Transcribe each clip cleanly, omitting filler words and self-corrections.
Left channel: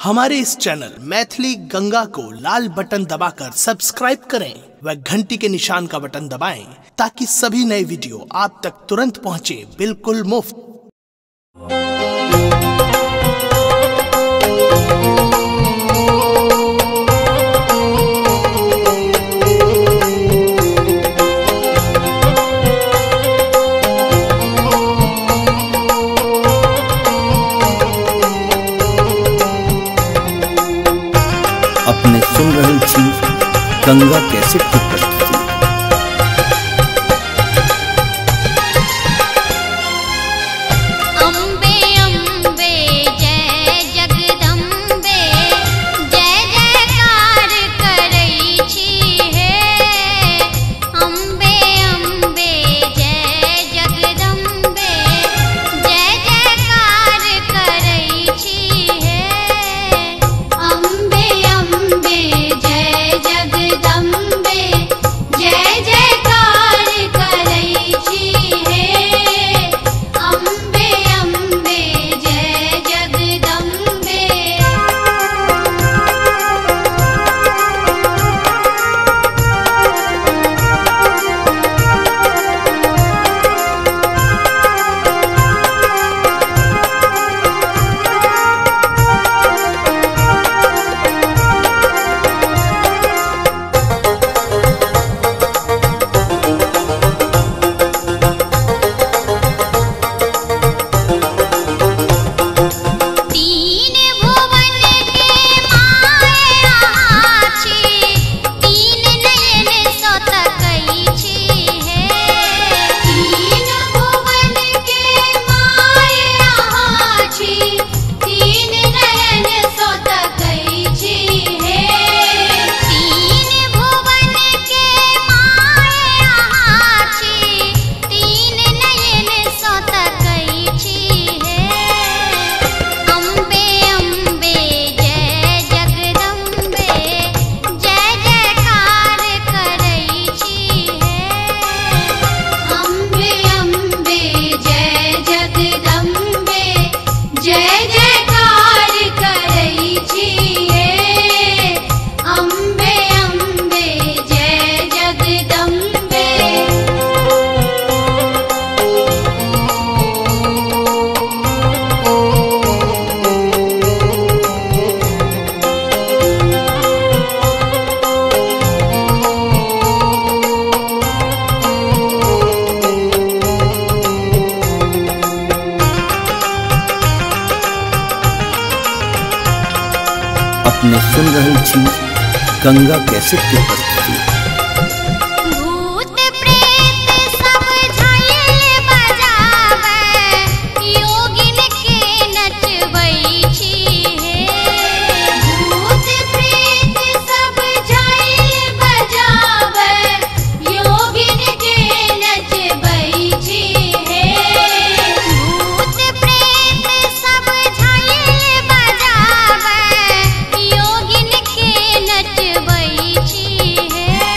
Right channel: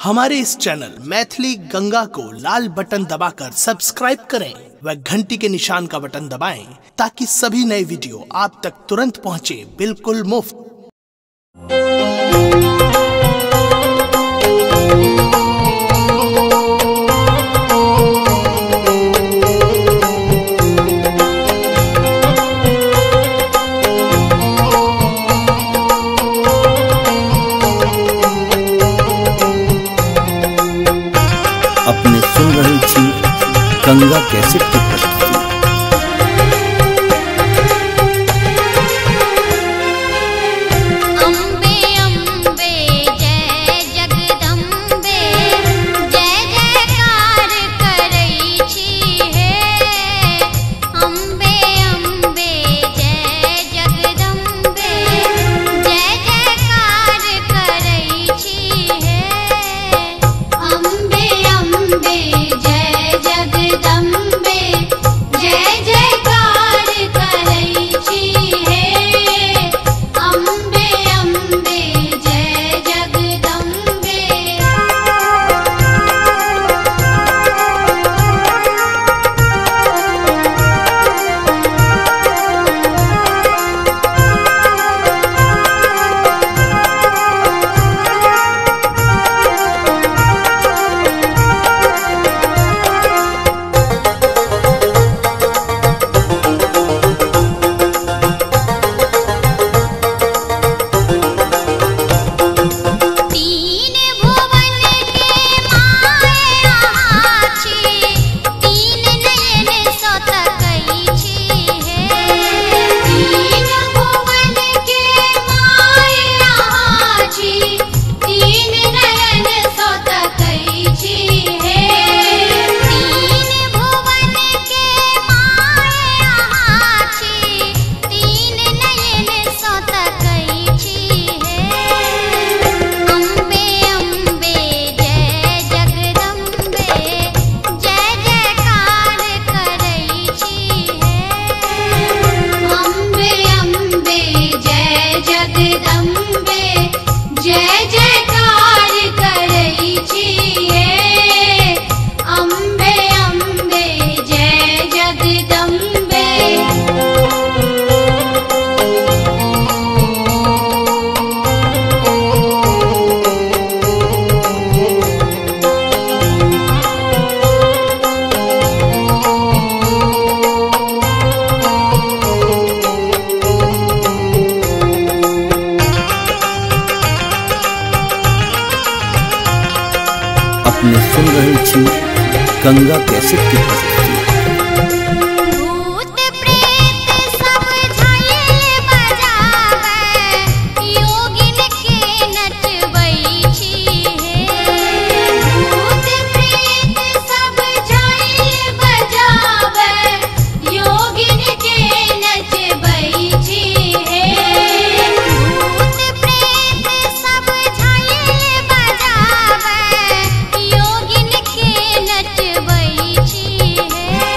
हमारे इस चैनल मैथिली गंगा को लाल बटन दबाकर सब्सक्राइब करें व घंटी के निशान का बटन दबाएं ताकि सभी नए वीडियो आप तक तुरंत पहुंचे बिल्कुल मुफ्त। अपने सुन रहल छी गंगा कैसेट की प्रस्तुति। अम्बे अम्बे जय जगदम्बे जय जयकार करई छी हे। अम्बे अम्बे जय जगदम्बे जय जयकार करई छी हे। अम्बे अम्बे जय जगदम्बे जय जयकार करई छी हे। अम्बे अम्बे जय जगदम्बे। तीन भुवन के माय अहाँ छी, तीन नयन सो तकई छी हे। तीन भुवन के माय अहाँ छी, तीन नयन सो तकई छी हे। तीन भुवन के माय अहाँ छी, तीन नयन सो तकई छी हे। अम्बे अम्बे जय जगदम्बे जय जयकार करई छी हे। अम्बे अम्बे जय जगदम्बे जय जयकार करई छी हे। अम्बे अम्बे जय जगदम्बे। अपने सुन रहल छी गंगा कैसेट की प्रस्तुति। भूत प्रेत सब झायल बजावे, योगिन के नचबई छी हे। भूत प्रेत सब झायल बजावे, योगिन के नचबई छी हे। भूत प्रेत सब झायल बजावे, योगिन के नचबई छी हे।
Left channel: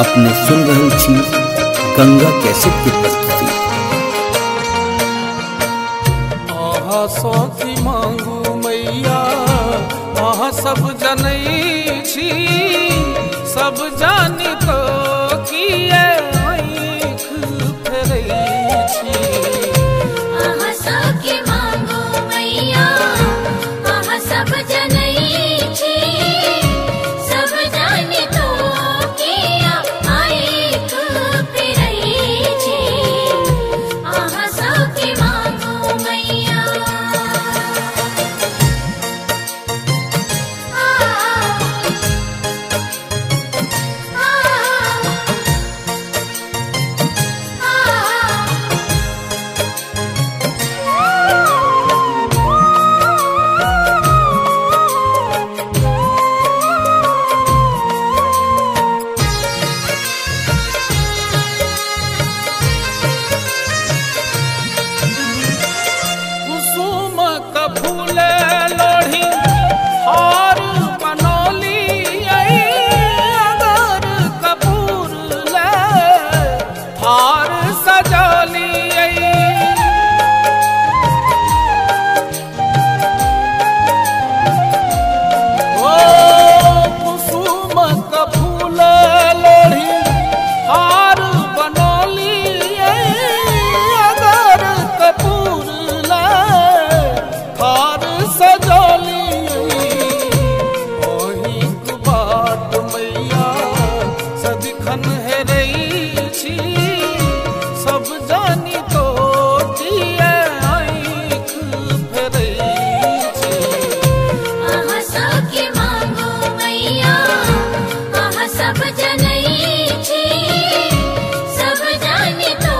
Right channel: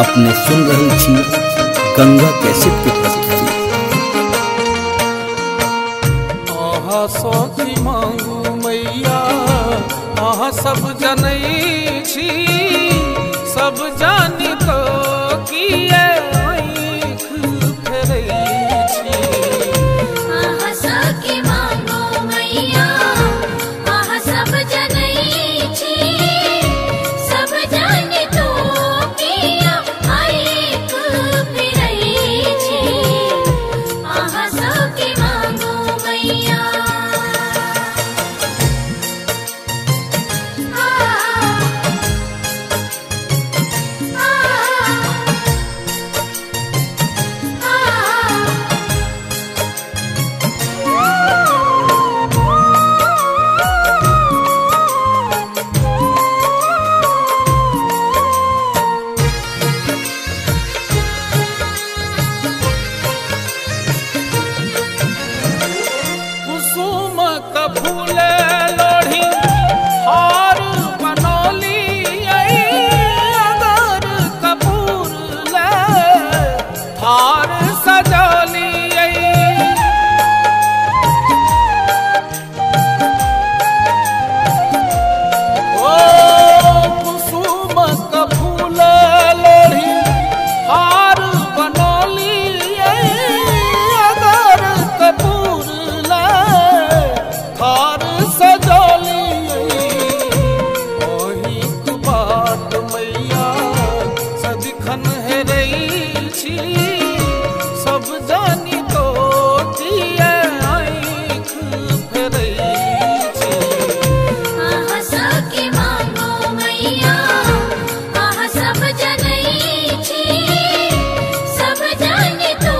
अपने सुन रहल छी गंगा कैसेट की प्रस्तुति। आहा सौखी मांगू मैया आहा सब जनै छी, सब जानी तो किए आँख फेरै छी। आहा सौखी मांगू मैया आहा सब जनै छी, सब जानी तो किए आँख फेरै छी। आहा सौखी मांगू मैया कुसुम का फूल लोढ़ी हार बनौली, अगर कपूर ले हार सजौली। ओ कुसुम का फूल लोढ़ी हार बनौली, अगर कपूर हार सजौली। ओही बाट मैया सदिखन हेरै छी, सब जानी तो किए आँख फेरै छी। आहा सौखी मांगू मैया आहा सब जनै छी, सब जानी तो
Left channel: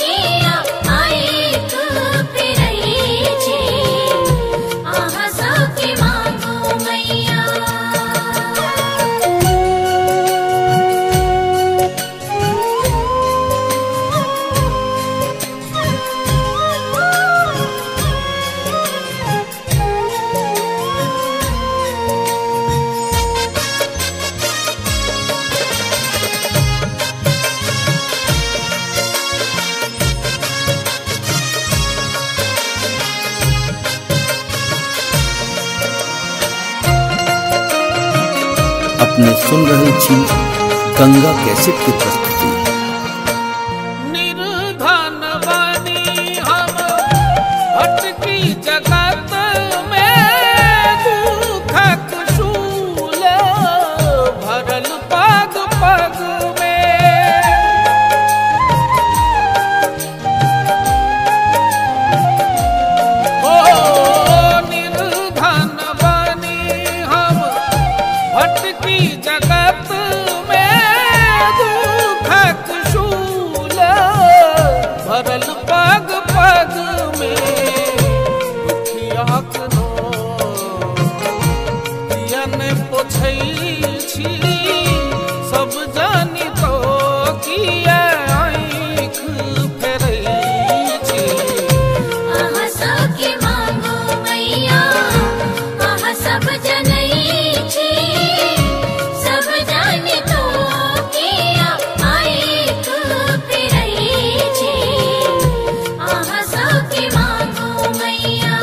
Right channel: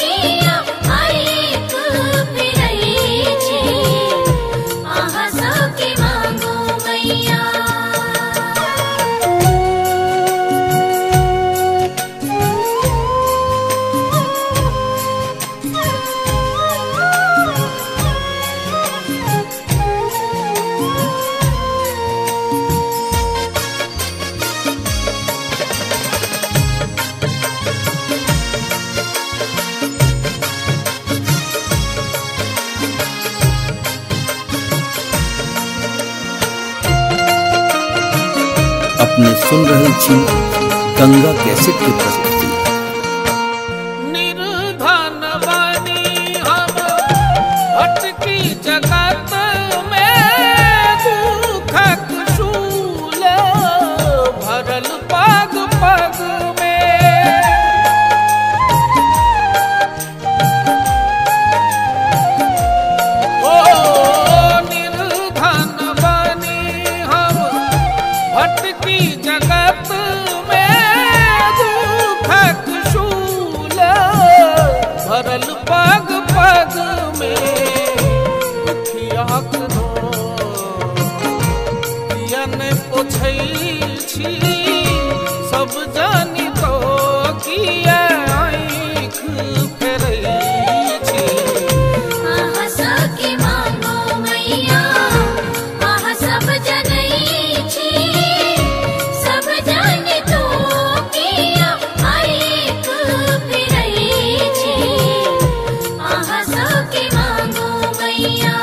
किए आँख फेरै छी। आहा सौखी मांगू मैया अपने सुन रहल छी गंगा कैसेट की प्रस्तुति। निर्धन बनी हम भटकी जगत में, दुखक शूल भरल पग पग में। ओ निर्धन बनी हम भटकी जगत में, दुखक शूल भरल पग पग में। दुखियाक कियन पोछै छी, सब जानी तो किए आँख फेरै छी। आहा सौखी मांगू मैया आहा सब जनै छी, सब जानी तो किए आँख फेरै छी। आहा सौखी मांगू मैया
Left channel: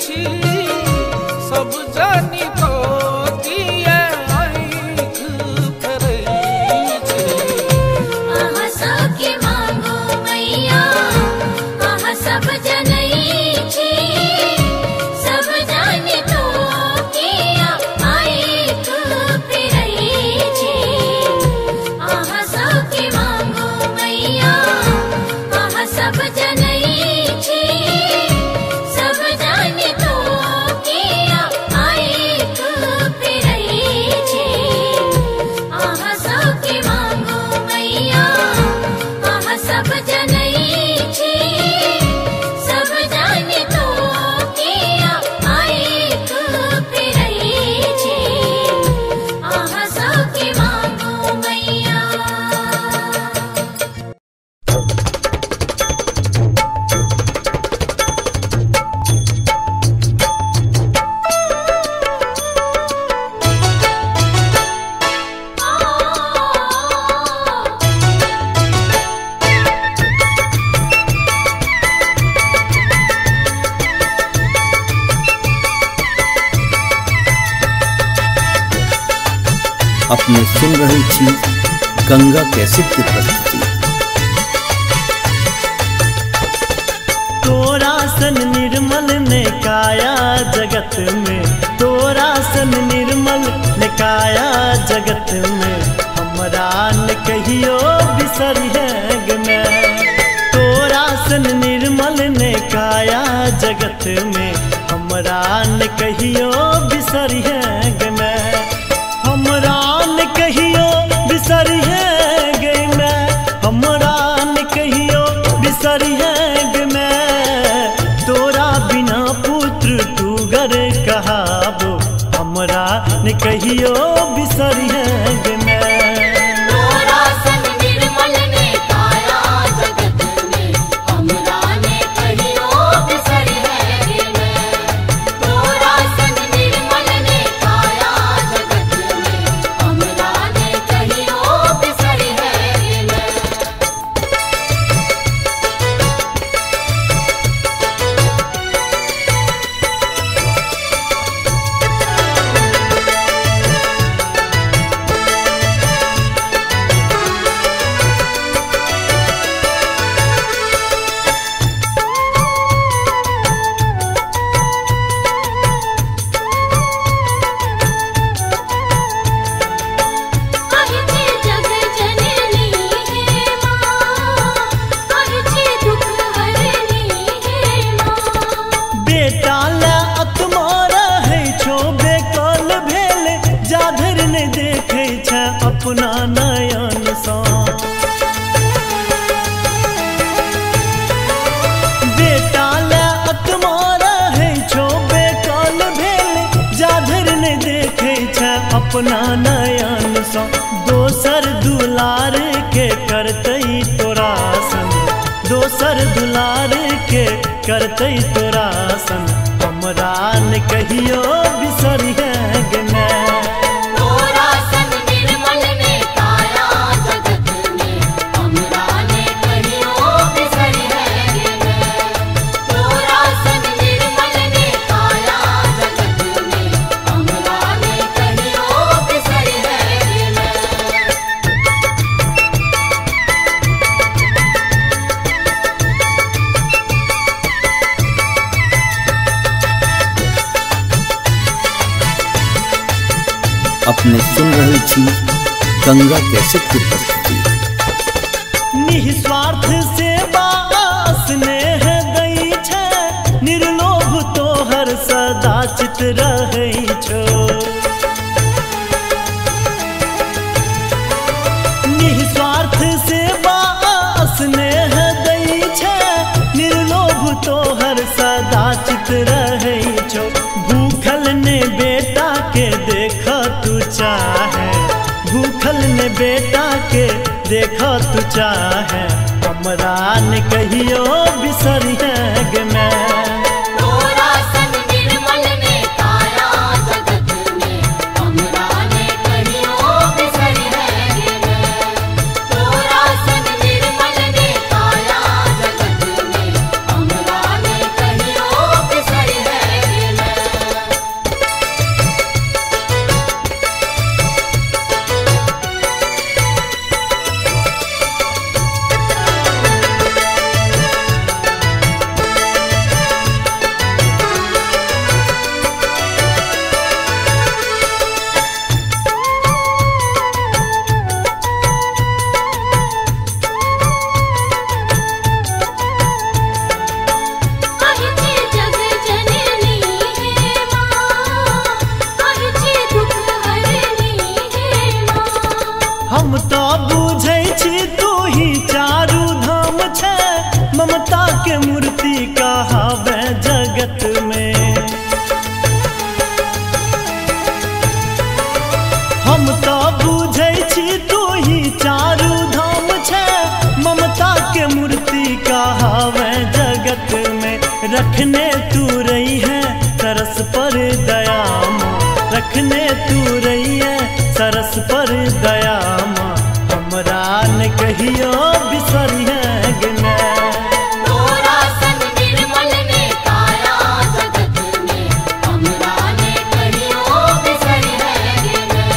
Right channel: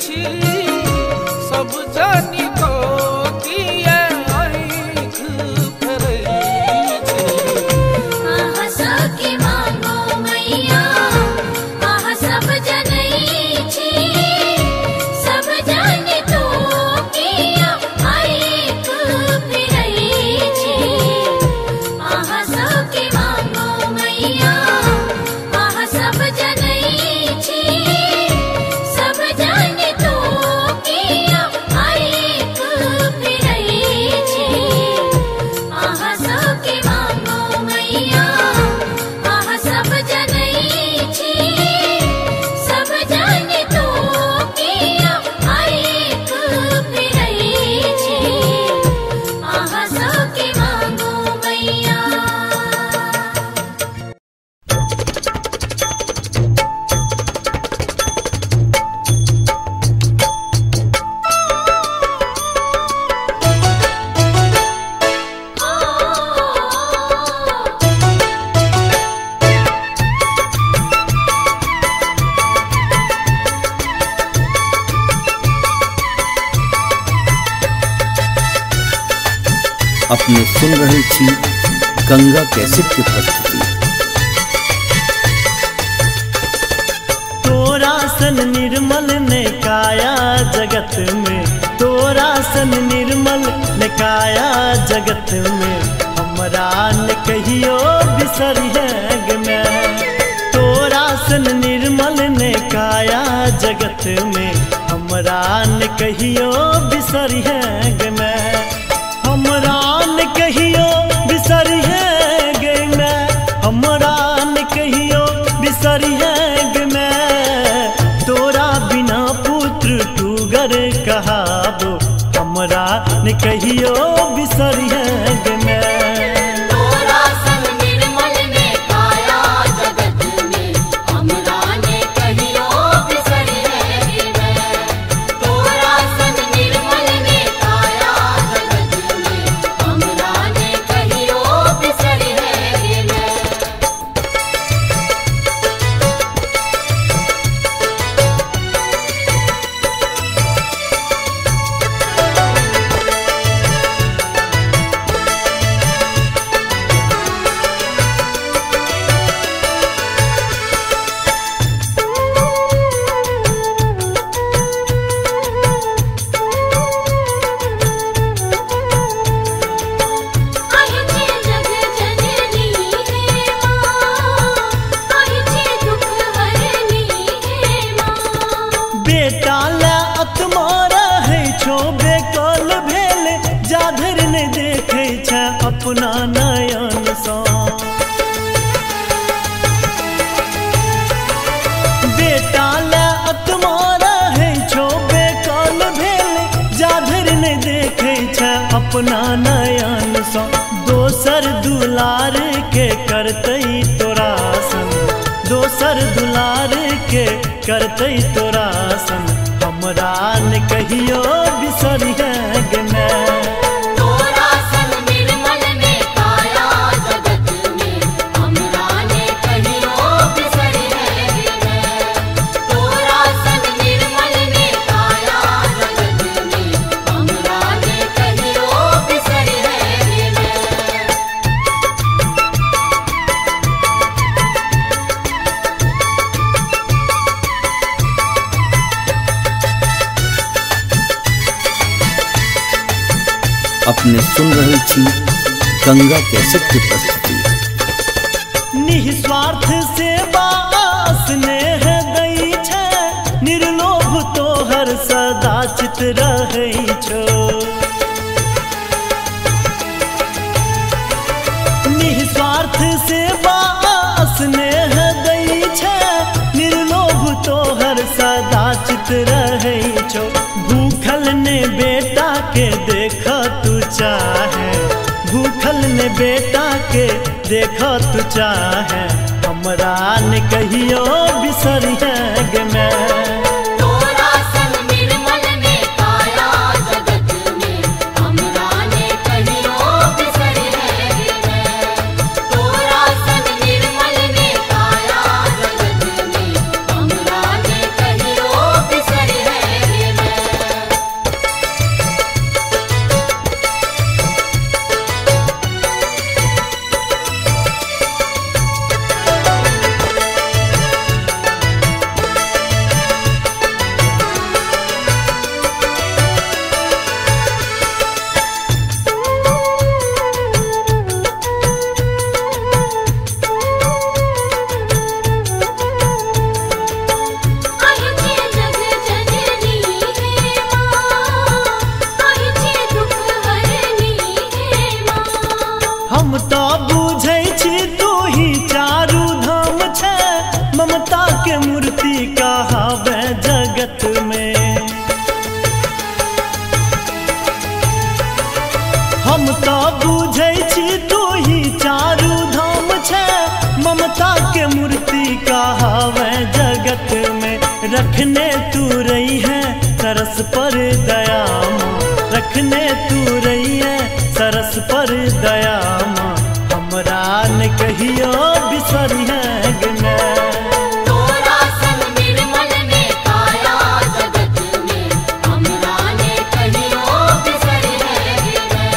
छी सब जानी तो किए आँख फेरै छी। आहा सखी मांगो मैया आहा सब जनै छी सब जानी तो किया आँख फेरै छी। आहा सखी मांगो मैया आहा सब जनै छी सब जानी तो किया आँख फेरै छी। आहा सखी मांगो मैया आहा सब जनै छी सब जानी तो किया आँख फेरै छी। आहा सखी मांगो मैया। अपने सुन रहल छी गंगा कैसेट की प्रस्तुति। तोरा सन निर्मल ने काया जगत में, तोरा सन निर्मल ने काया जगत में, हमरा ने कहियो बिसरिएग में। तोरा सन निर्मल ने काया जगत में, हमरा ने कहियो बिसरिएग में। हमरा ने कहियो बिसरिएग में, हमरा ने कहियो बिसरिएग में। तोरा बिना पुत्र टूगर कहाबो, हमरा ने कहियो बिसरिएग में। तोरा सन निर्मल ने काया जगत में, हमरा ने कहियो बिसरिएग में। तोरा सन निर्मल ने काया जगत में, हमरा ने कहियो बिसरिएग में। बेटा ला अतमारा है छो बेकल भेल, जाधर ने देखे छ अपना नयन सा। बेटा ला अतमारा है छो बेकल भेल, जाधर ने देखे छ अपना नयन सा। दोसर दुलार के करतई तोरा सन, दोसर दुलार के करतई तोरा सन, हमरा ने कहियो बिसरिएग में। तोरा सन निर्मल ने काया जगत में, हमरा ने कहियो बिसरिएग में। तोरा सन निर्मल ने काया जगत में, हमरा ने कहियो बिसरिएग में। अपने सुन रहल छी गंगा कैसेट की प्रस्तुति। निस्वार्थ सेवा स्नेह दई छै, निर्लोभ तोहर सदा चित रहै छो। निस्वार्थ सेवा स्नेह दई छै, निर्लोभ तोहर सदा चित रहै छो। भूखल ने बेटा के देख तू चाहे, भूखल ने बेटा के देख तू चाहे, हमरा ने कहियो बिसरिएग में। तोरा सन निर्मल ने काया जगत में, हमरा ने कहियो बिसरिएग में। तोरा सन निर्मल ने काया जगत में, हमरा ने कहियो बिसरिएग छी तू ही चारू धाम छे, ममता के मूर्ति कहावे जगत में। हम तो बुझै छी तू ही चारू धाम छे, ममता के मूर्ति कहावे जगत में। रखने तू रही है सरस पर दया माँ, रखने तू रही है सरस पर दया माँ, हमरा न कहियो बिसरिहे गे मैं। तोरा सन निर्मल ने काया जगत में, हमरा ने कहियो बिसरिहे गे मैं।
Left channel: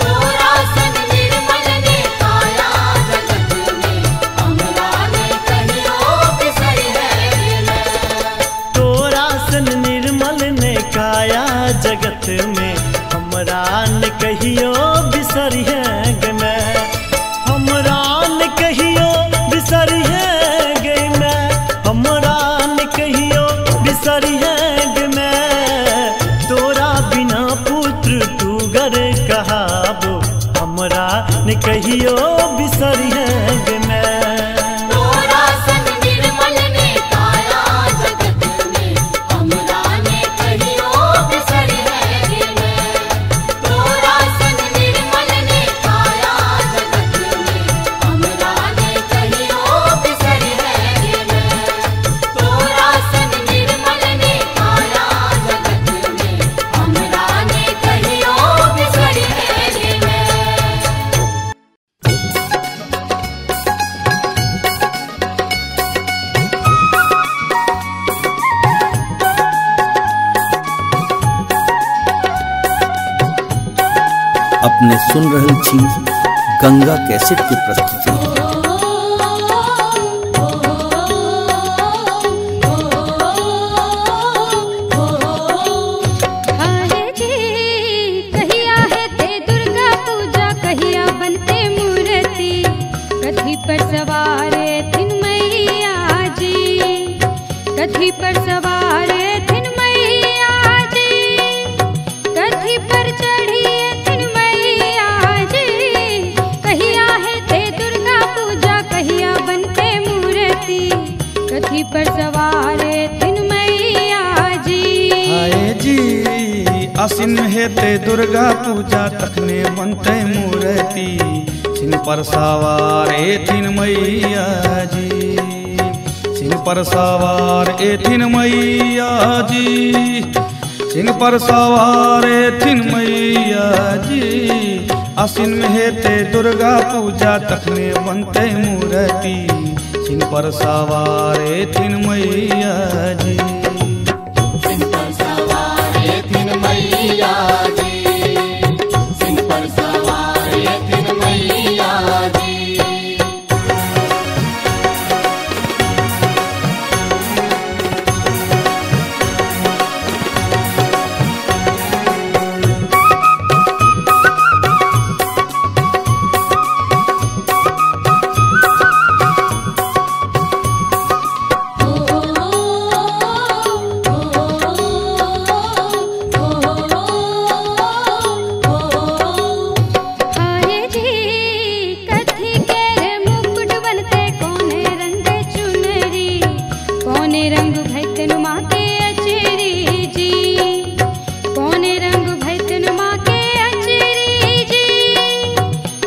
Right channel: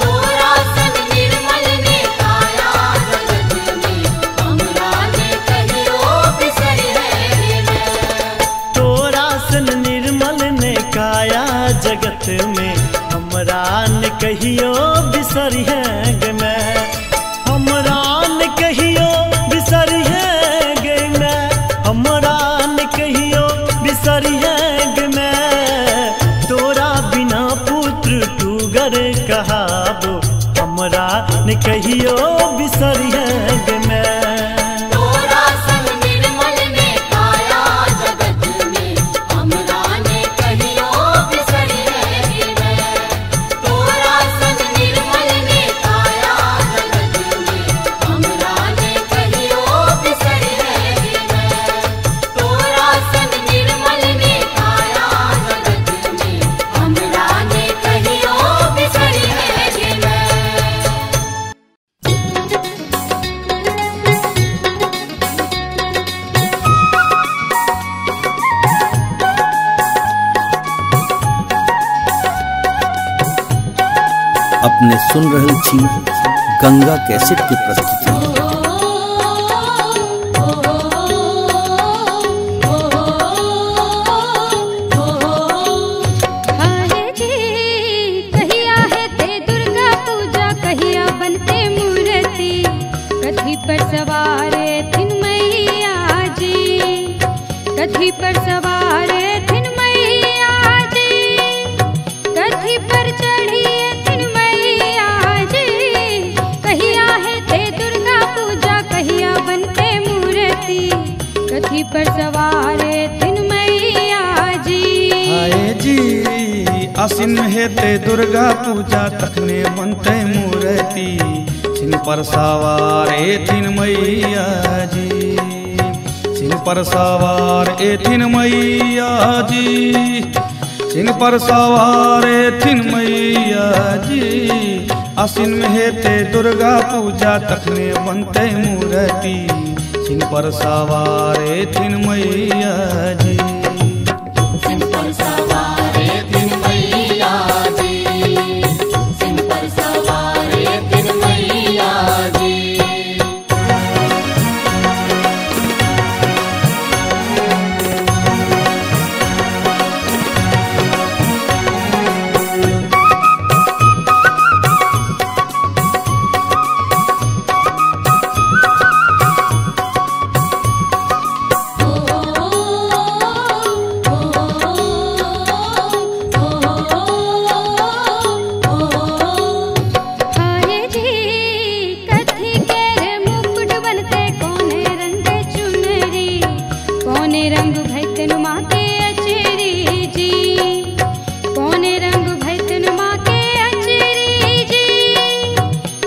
तोरा सन निर्मल ने काया जगत में, हमरा ने कहियो बिसरिहे गे मैं। तोरा सन निर्मल ने काया जगत में, हमरा न कहियो बिसरिहे गे मैं। हमरा न कहियो बिसरिहे गे मैं, हमरा न कहियो बिसरिहे गे मैं। तोरा बिना पुत्र टूगर कहाबो, हमरा न कहियो बिसरिहे गे मैं। तोरा सन निर्मल ने काया जगत में, हमरा ने कहियो बिसरिहे गे मैं। तोरा सन निर्मल ने काया जगत में, हमरा ने कहियो बिसरिहे गे मैं। तोरा सन निर्मल ने काया जगत में, हमरा ने कहियो बिसरिहे गे मैं। अपने सुन रहल छी गंगा कैसेट की प्रस्तुति। हाय जी कहिया है ते दुर्गा पूजा, कहिया बनते मूर्ति, कथी पर सवार थिन मैया जी, कथी पर सवार थिन मैया जी, कथी पर चढ़ी थिन मैया जी। कहिया है ते दुर्गा पूजा, कहिया बनते मूर्ति, कथी पर सवार थिन मैया जी। हाय जी आसिन में हेते दुर्गा पूजा, तखने बनते मूर्ति, सिंह पर सवार एथिन मैया जी, सिंह पर सवार एथिन मैया जी, सिंह पर सवार एथिन मैया जी। आसिन में हेते दुर्गा पूजा, तखने बनते मूर्ति, सिंह पर सवार एथिन मैया जी। सिंह पर सवार थिन मैया जी, सिंह पर सवार थिन मैया जी। हाय जी कथी के रे मुकुट बनते, कौने रंग चुनरी, कौने रंग भैतन माँ के अचरी जी, कौने रंग भैतन माँ के अचरी जी,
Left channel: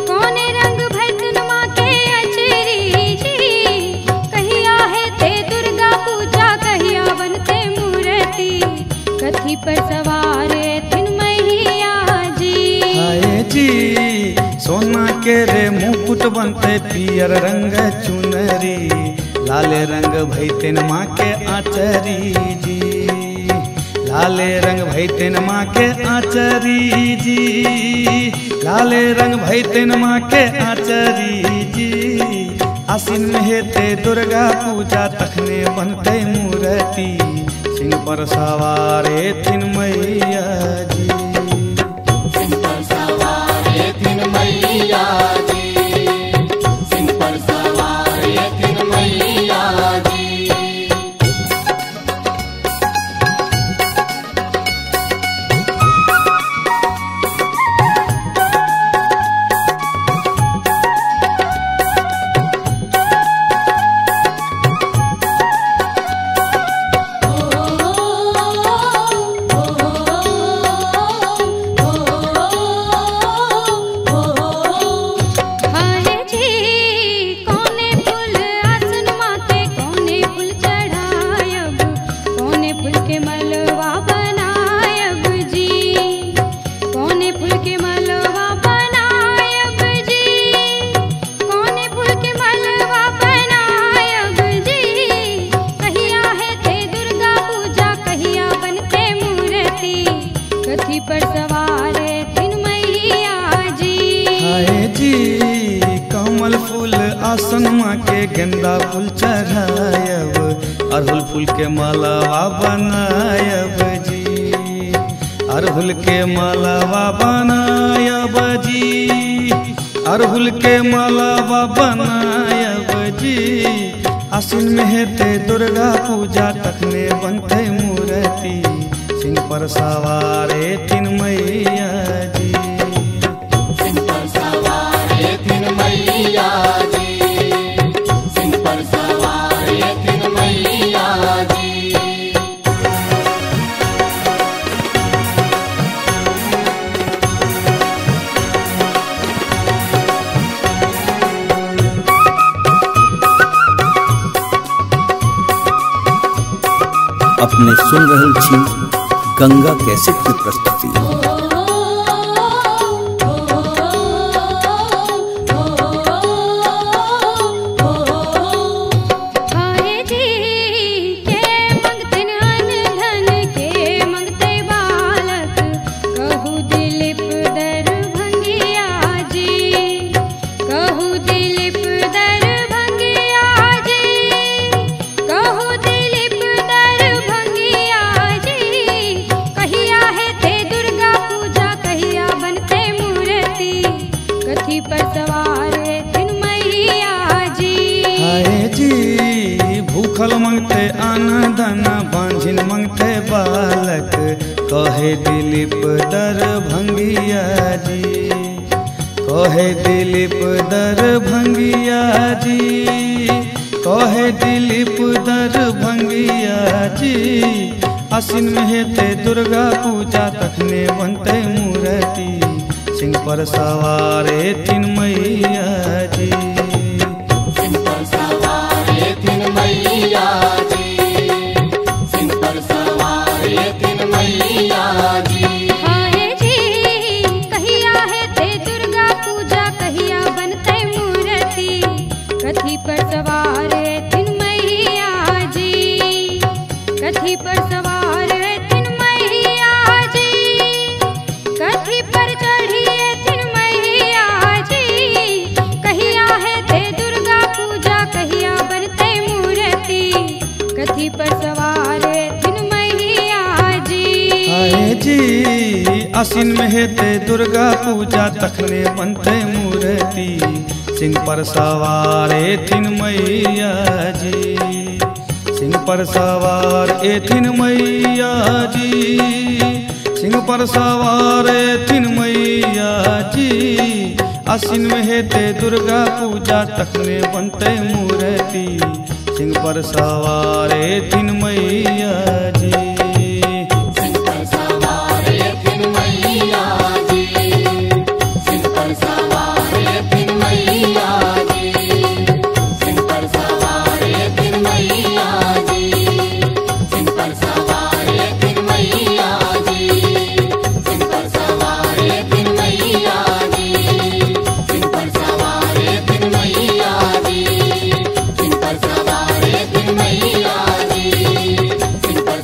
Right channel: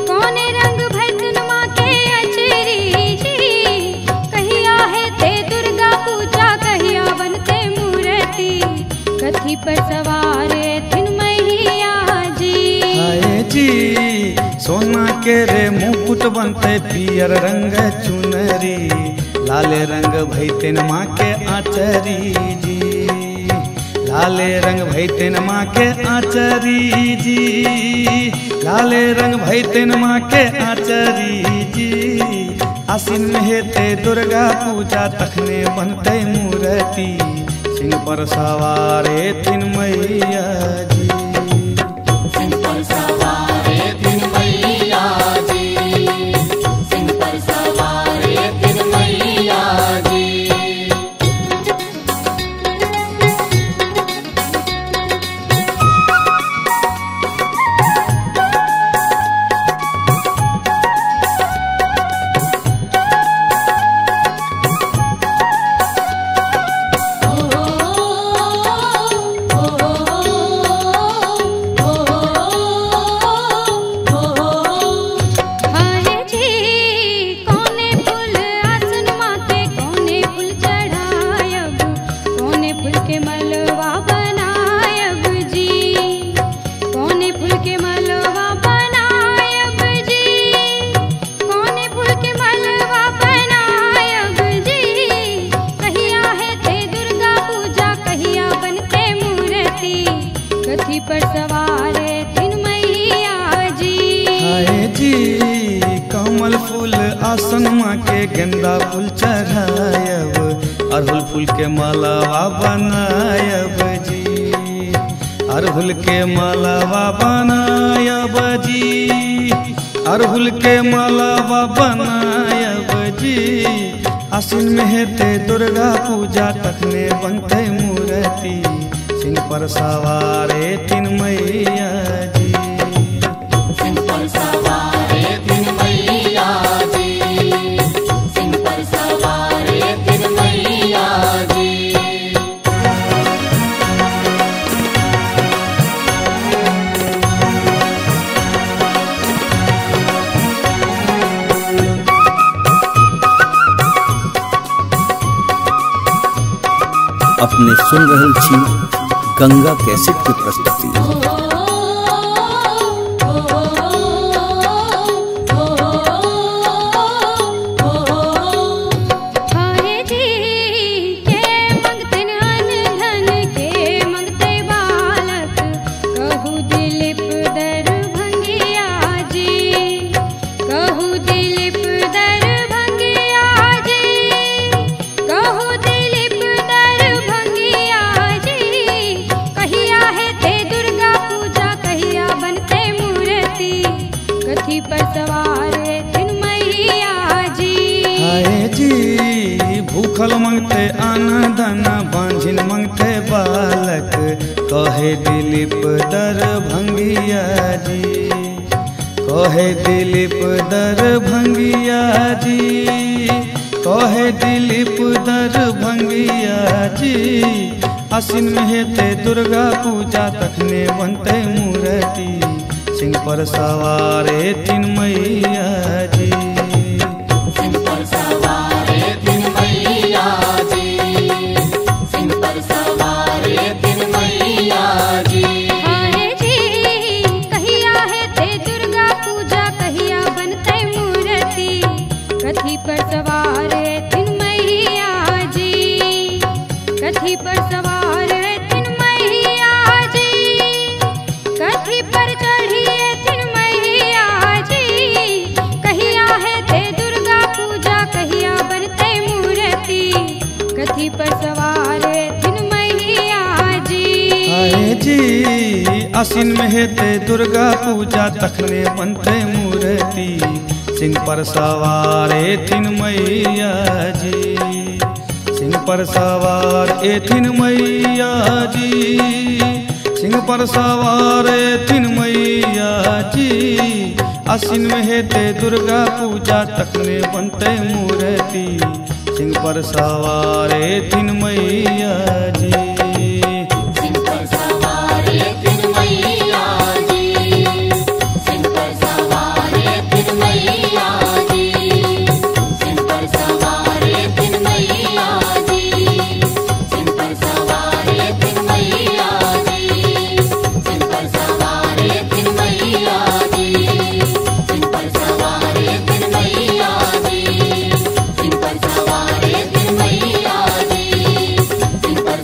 कौने रंग भैतन माँ के अचरी जी। कहिया है ते दुर्गा पूजा, कहिया बनते मूर्ति, कथी पर सवार थिन मैया जी। हाय जी सोना के रे मुकुट बनते, पियर रंग चुनरी, लाले रंग भैतेन माँ के आचरी जी, लाले रंग भैतेन माँ के आचरी जी, लाले रंग भैतेन माँ के आचरी जी। आसिन में हेते दुर्गा पूजा, तखने बनते मूर्ति, सिंह पर सवार एथिन मैया जी। सिंह पर सवार थिन मैया जी, सिंह पर सवार थिन मैया जी। फूल के मलवा बनायब जी, कौने फूल के मलवा बनायब जी, कौने फूल के मलवा बनायब जी। कहिया है ते दुर्गा पूजा, कहिया बनते मूर्ति, कथी पर सवार थिन मैया जी। हाय जी कमल फूल आसन माँ के गेंदा फूल चढ़ायब, अड़हुल फूल के मालावा बनायब जी, अड़हुल के मालावा बनायब जी, अड़हुल के मालावा बनायब जी। आसिन में हेते दुर्गा पूजा, तखने बनते मूर्ति, सिंह पर सवार थिन मैया जी। सिंह पर सवार थिन मैया जी, सिंह पर सवार थिन मैया जी। अपने सुन रहल छी गंगा कैसेट की प्रस्तुति। हाय जी के मंगते अन धन, के मंगते बालक, कहू दिलीप दरभंगिया जी, कहू दिलीप दरभंगिया जी, कहू दिलीप दरभंगिया जी। कहिया है ते दुर्गा पूजा, कहिया बनते मूर्ति, कथी पर सवार थिन मैया जी। हाय जी भूखल मंगते अन्न धन, बांझिन मंगते बालक, कहे दिलीप दरभंगिया जी, कहे दिलीप दरभंगिया जी, कहे दिलीप दरभंगिया जी। आसिन में हेते दुर्गा पूजा, तखने बनते मूर्ति, सिंह पर सवार थिन मैया जी। सिंह पर सवार थिन मैया जी, सिंह पर सवार थिन मैया जी। हाय जी कहिया है ते दुर्गा पूजा, कहिया बनते मूर्ति, कथी पर सवार थिन मैया जी, कथी पर सवार थिन मैया जी, कथी पर चढ़िए थिन मैया जी। कहिया है ते दुर्गा पूजा, कहिया बनते मूर्ति, कथी पर सवार थिन मैया जी। हाय जी आसिन में हेते दुर्गा पूजा, तखने बनते मूर्ति, सिंह पर सवार थिन मैया जी, सिंह पर सवार थिन मैया जी, सिंह पर सवार थिन मैया जी। आसिन में हेते दुर्गा पूजा, तखने बनते मूर्ति, सिंह पर सवार थिन मैया जी। सिंह पर सवार थिन मैया जी, सिंह पर सवार थिन मैया जी, सिंह पर सवार थिन मैया जी, सिंह पर सवार थिन मैया जी, सिंह पर सवार थिन मैया जी, सिंह पर सवार थिन मैया जी, सिंह पर सवार थिन मैया जी, सिंह पर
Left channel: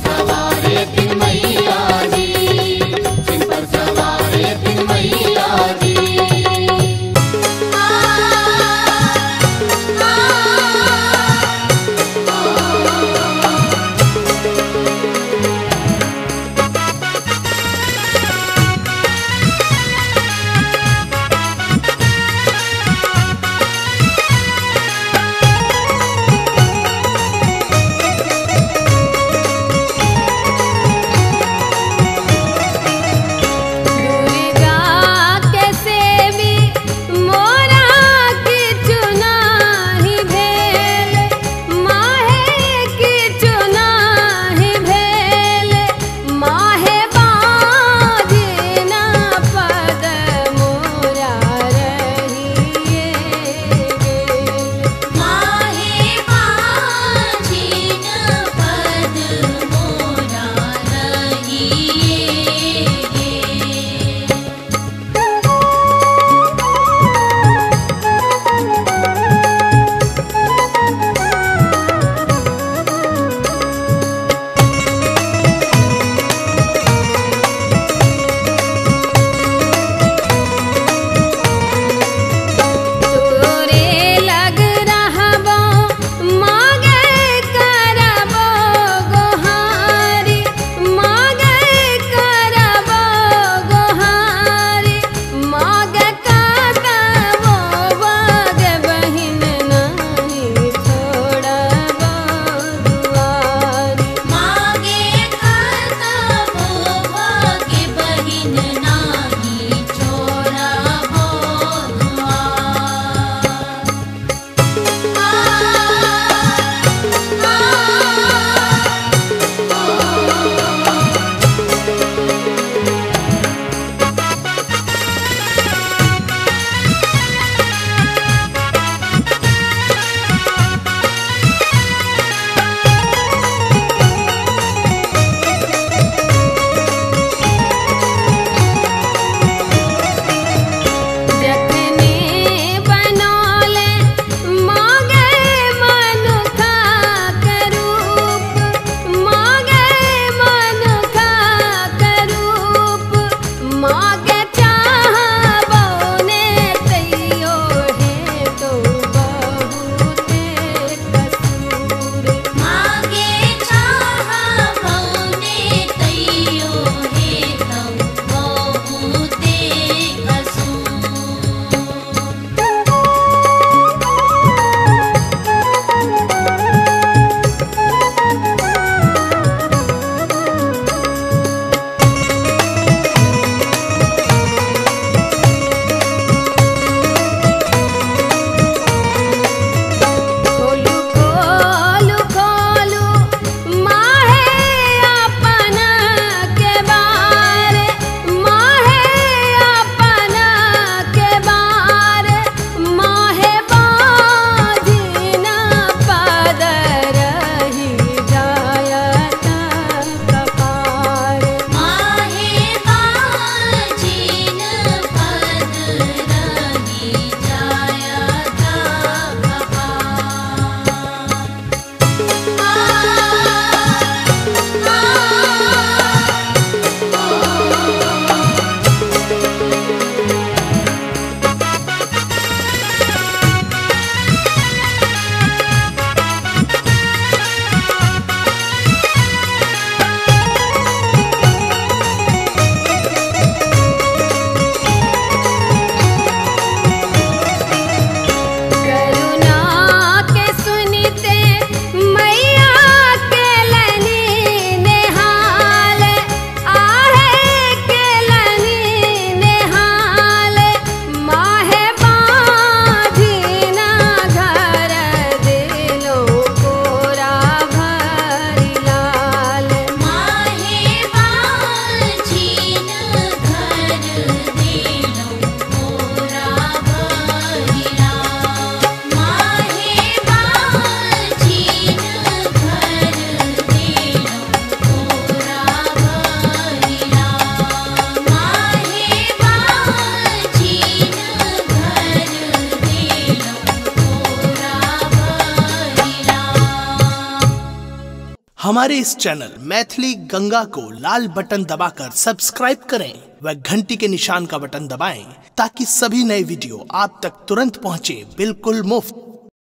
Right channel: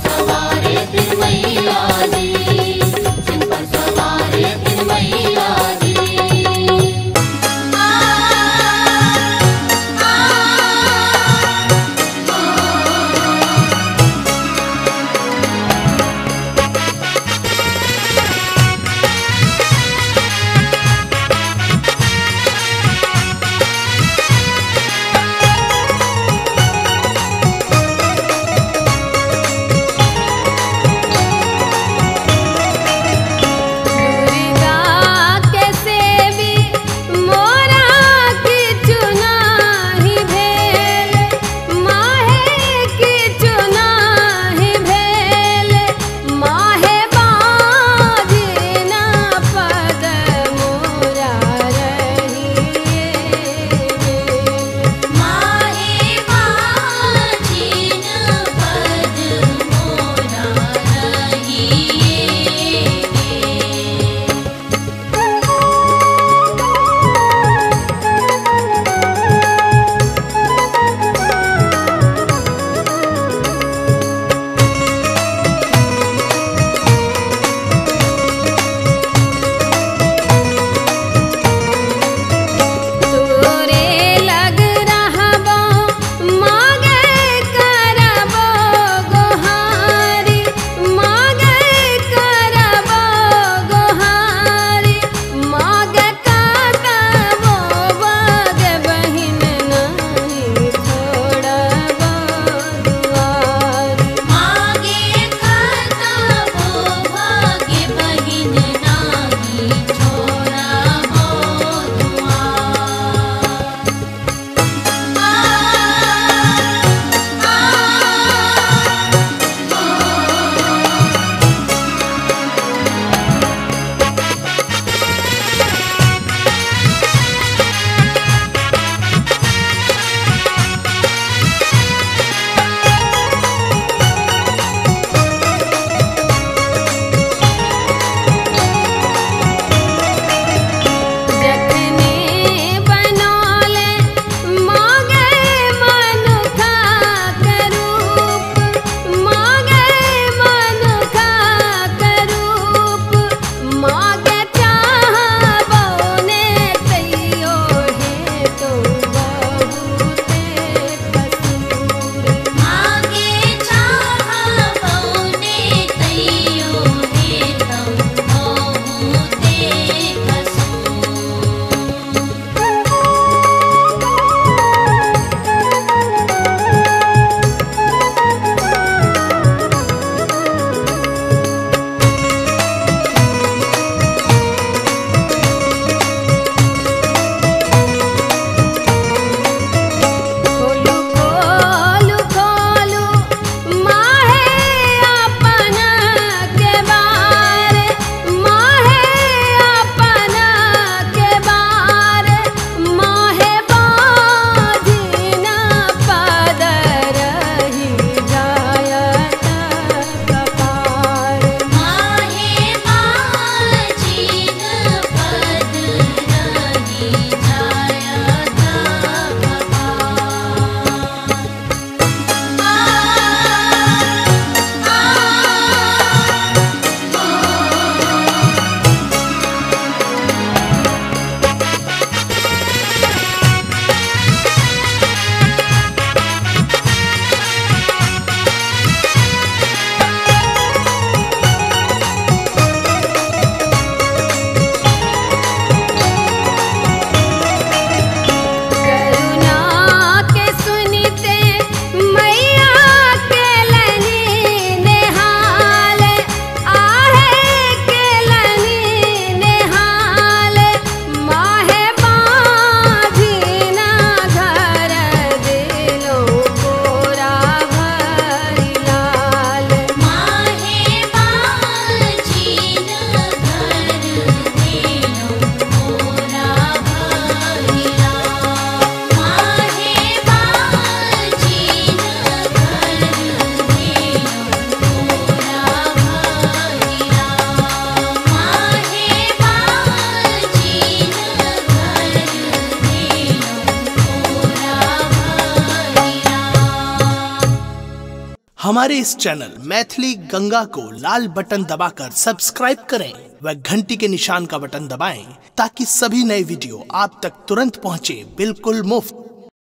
हमारे इस चैनल मैथिली गंगा को लाल बटन दबाकर सब्सक्राइब करें व घंटी के निशान का बटन दबाएं ताकि सभी नए वीडियो आप तक तुरंत पहुंचे बिल्कुल मुफ्त।